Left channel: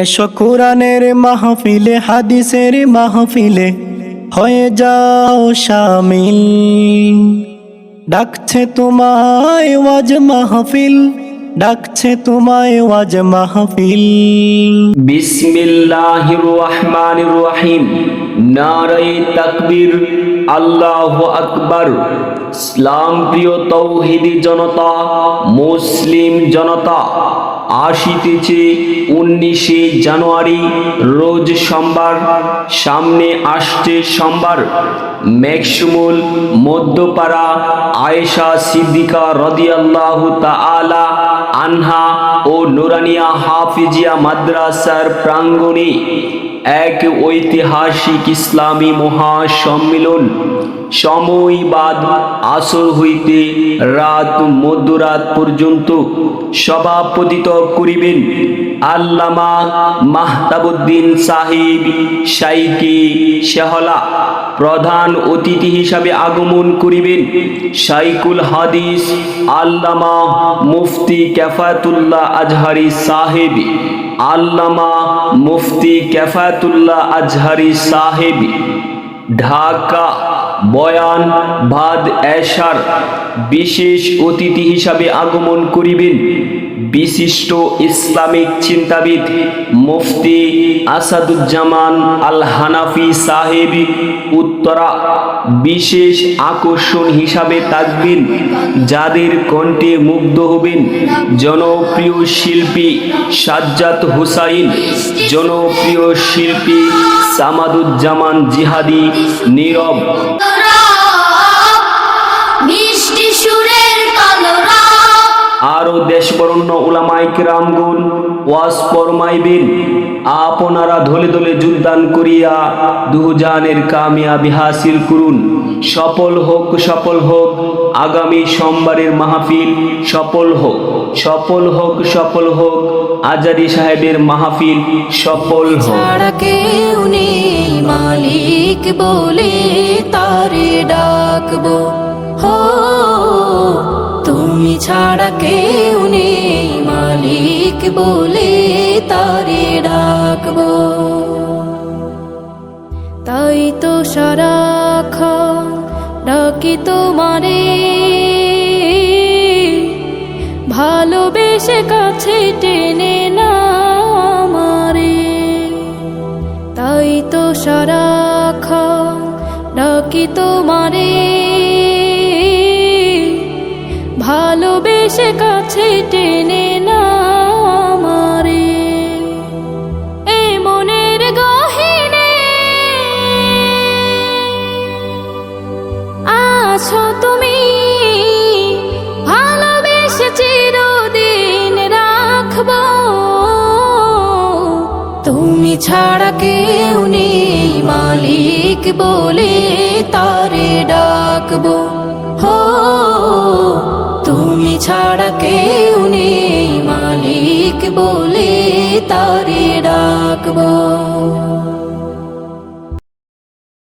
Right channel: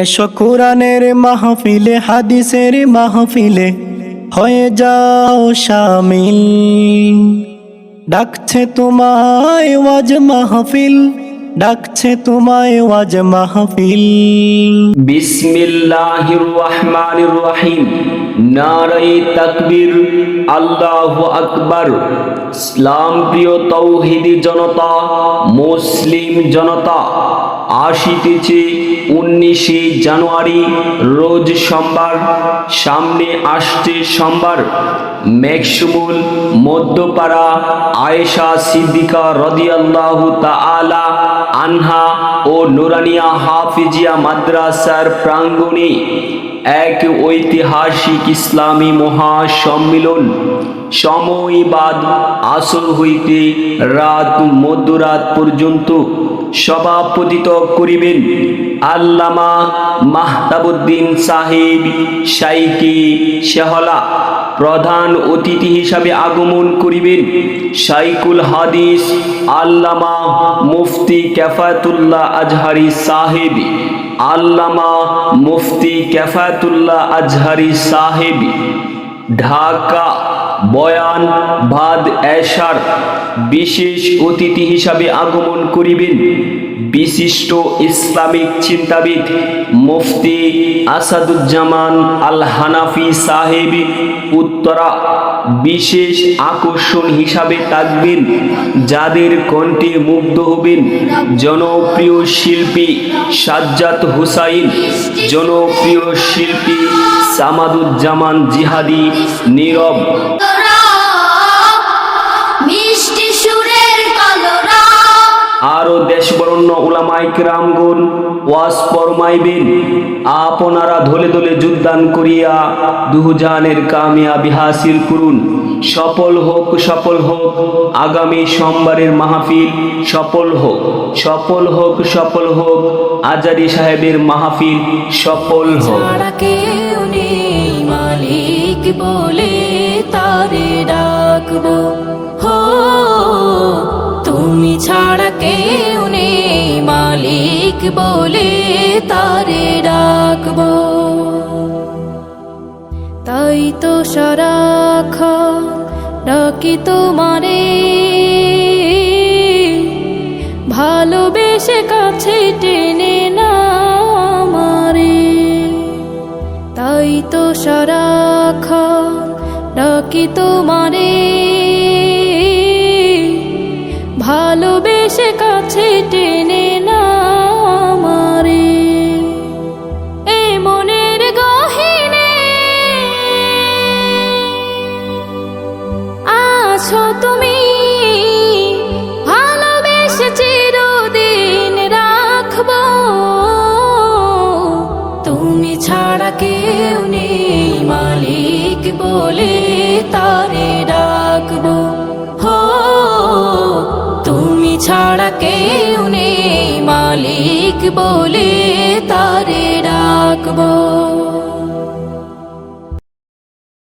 এসো কোরআনের মাহফিলে, হাদিসের মাহফিলে হয়ে যাও শামিল। ডাকছে তোমায় ওয়াজ মাহফিল, ডাকছে তোমায় ওয়াজ মাহফিল। বিসমিল্লাহির রহমানির রহিম। নারায়ে তাকবীর, আল্লাহু আকবার। ইসলাম প্রিয় তৌহিদি জনতা, মুসলিম জনতা, আসিতেছে 19শে জানুয়ারি, রোজ সোমবার। সামনে আসছে সোমবার। মেঘশিমুল মধ্যপাড়া আয়েশা সিদ্দিকা রাদিয়াল্লাহু তাআলা আনহা ও নুরানিয়া হাফিজিয়া মাদ্রাসার প্রাঙ্গণে এক ঐতিহাসিক ইসলামী মহাসম্মিলন। সময় বাদ আসর হইতে রাত মধ্যরাত পর্যন্ত সভাপতিত্ব করিবেন আল্লামা মাহতাবউদ্দিন সাহেব শাইখে শেহলা। প্রধান অতিথি হিসাবে আগমন করিবেন শাইখুল হাদিস আল্লামা মুফতি কেফায়েতুল্লাহ আজহারি সাহেব। আল্লামা মুফতি কেফায়েতুল্লাহ আজহারি সাহেব। ঢাকা বয়ান বাদ এশার বিশেষ অতিথি হিসাবে আগমন করিবেন বিশিষ্ট ইসলামিক চিন্তাবিদ মুফতি আসাদুজ্জামান আল হানাফি সাহেব উত্তরা। বিশেষ আকর্ষণ হিসাবে থাকবেন যাদের কণ্ঠে মুগ্ধ হবেন জনপ্রিয় শিল্পী সাজ্জাদ হুসাইন, জনপ্রিয় শিল্পী সামাদুজ্জামান জিহাদি নীরব। আরো দেশবরণ্য উলামায়ে কিরামগণ ওয়াজ ফরমাইবেন। আপনারা ধলে ধলে যোগদান করিয়া দুজানের কামিয়াবি হাসিল করুন। সফল হোক, সফল হোক আগামী সোমবারের মাহফিল, সফল হোক, সফল হোক, সফল হোক আজারি সাহেবের মাহফিল, সফল হোক। মালিক বলে তারে ডাকবো, হো তুমি ছাড়া কেউ নেই, মালিক বলে তারে ডাকবো। তাই তো সারাক্ষণ ডাকি তোমারে, ভালোবেসে কাছে টেনে না আমারে। তাই তো সারাক্ষণ ডাকি তোমারে, ভালোবেসে কাছে টেনে না আমারে। এ মনের গহীনে আছো তুমি, ভালোবেসে চিরদিন রাখবো। তুমি ছাড়া কেউ নেই, মালিক বলে তারে ডাকবো, হো তুমি ছাড়া কেউ নেই, মালিক বলে তারে ডাকবো।